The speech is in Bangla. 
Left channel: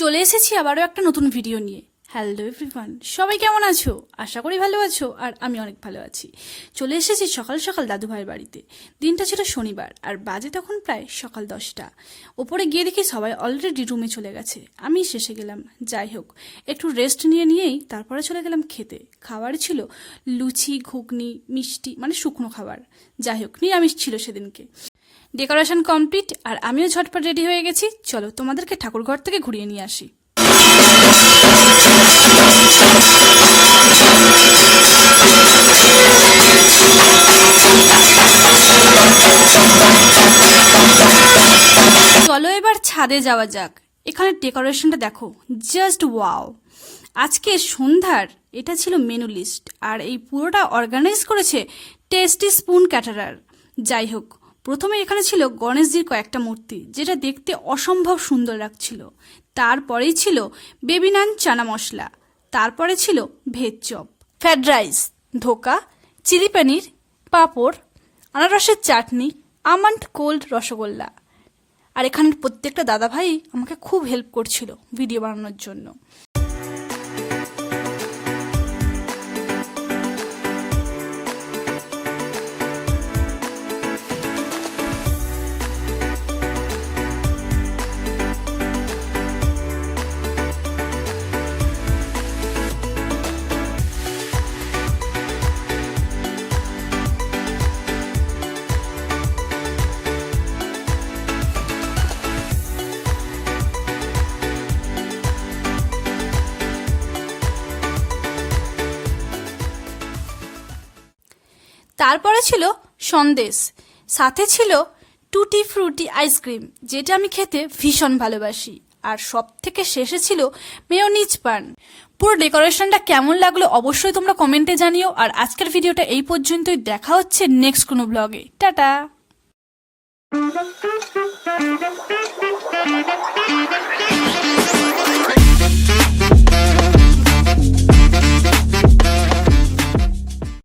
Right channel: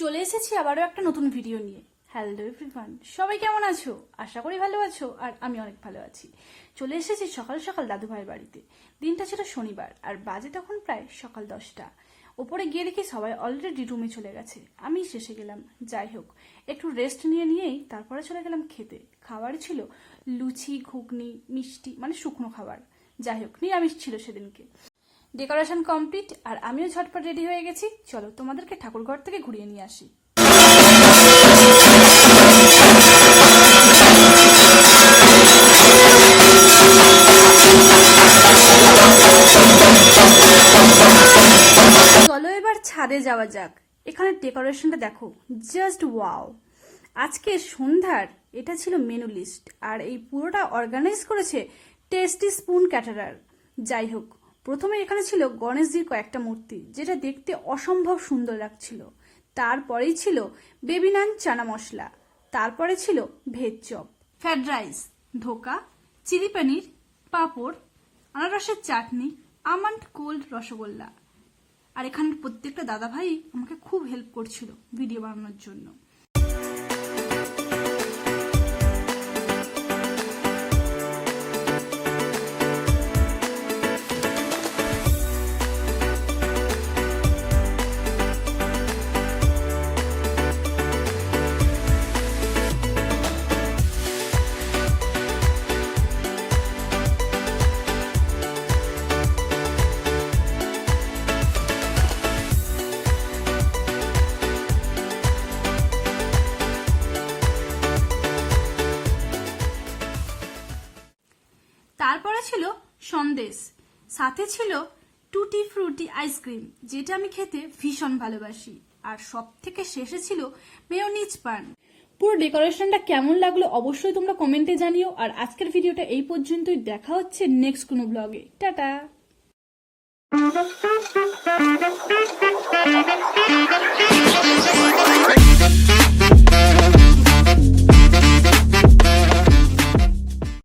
চলে এসেছি আবারও একটা নতুন ভিডিও নিয়ে। হ্যালো এভরিওয়ান সবাই কেমন আছো? আশা করি ভালো আছো, আর আমি অনেক ভালো আছি। চলে এসেছি সকাল সকাল দাদু ভাইয়ের বাড়িতে। দিনটা ছিল শনিবার, আর বাজে তখন প্রায় সকাল দশটা। ওপরে গিয়ে দেখি সবাই অলরেডি রুমে চলে গেছে। আমি শেষে গেলাম। যাই হোক, একটু রেস্ট নিয়ে নিয়েই তারপরে চলে গেলাম খেতে। খাবার ছিল লুচি, ঘুগনি, মিষ্টি মানে শুকনো খাবার। যাই হোক, নিরামিষ ছিল সেদিনকে। ডেকোরেশন কমপ্লিট আর আমিও ঝটপট রেডি হয়ে গেছি। চলো, তোমাদেরকে ঠাকুরঘর থেকে ঘুরিয়ে নিয়ে আসি। চলো এবার ছাদে যাওয়া যাক। এখানে ডেকোরেশনটা দেখো জাস্ট ওয়াও আজকে সন্ধ্যার, এটা ছিল মেনু লিস্ট আর এই পুরোটা অর্গানাইজ করেছে টেস্টি স্পুন ক্যাটারার যাই হোক প্রথমে এখানে ছিল গণেশজির কয়েকটা মূর্তি, যেটা দেখতে অসম্ভব সুন্দর লাগছিল। তারপরেই ছিল বেবি নান চানা মশলা, তারপরে ছিল ভেজ চপ। ফ্রাইড রাইস, ধোকা, চিলি পনির, পাঁপড়, আনারসের চাটনি, আমন্ড কোল্ড রসগোল্লা। আর এখানের প্রত্যেকটা দাদা ভাই আমাকে খুব হেল্প করছিল ভিডিও বানানোর জন্য। তারপরে ছিল সন্দেশ। সাথে ছিল টুটি ফ্রুটি আইসক্রিম যেটা আমি খেতে ভীষণ ভালোবাসি। আর সব থেকে শেষে ছিল মেয়োনিজ পান পুরো ডেকোরেশনটা কেমন লাগল অবশ্যই তোমরা কমেন্টে জানিও। আর আজকের ভিডিওটা এই পর্যন্তই, দেখা হচ্ছে নেক্সট কোনো ব্লগে টাটা.